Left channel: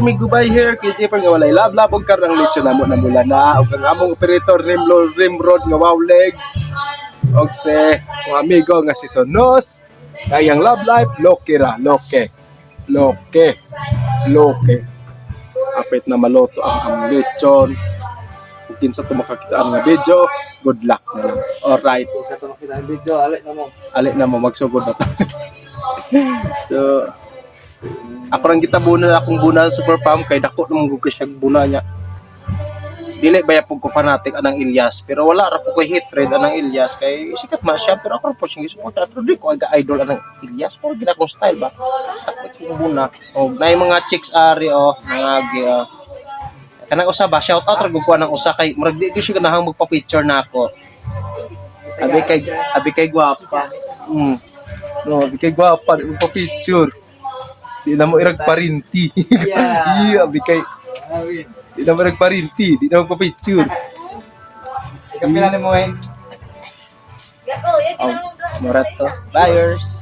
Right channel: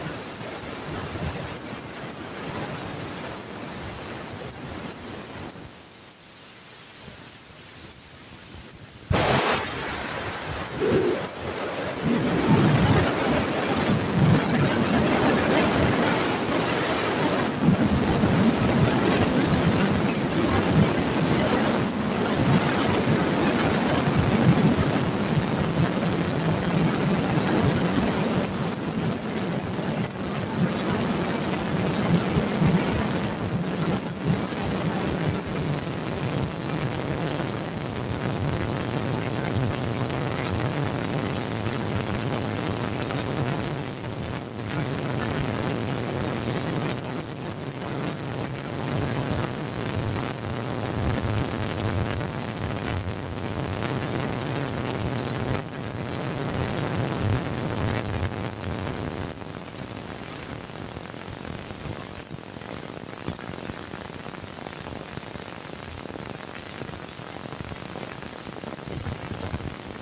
me gubay here kay Jeper nga walay lab-lab og karang lechon namo na mula na og ang among operator Rimrod nga wow legs og se mga amigo nga si Sonos kayang love life loke ra loke apit na maloto ang lechon din sa tumakanta ang video good luck alright Dito, alit na mo magsugod na so ako lang kita bunal akong bunal super pump kay dako nung gugis na buna niya dili ba yapog ko fanatic anang Ilyas pero wala ra ko kay hit rate anang Ilyas kay sikat man siya pero ako po siya ko sa tuloy ko ga idol anang Ilyas pero kita ko style ba sino buna og nay mga chicks ari mga kanang usa ba shout out ra gud ko nang usa kay murag di siya ganahang magpa-picture na ako abi kay gwapa no abi kay gwapa magpa-picture di na mo irag parinti iya abi kay di na mo irag parinti di na mo magpa-picture Kapila ni mo, Wayne? Morato buyers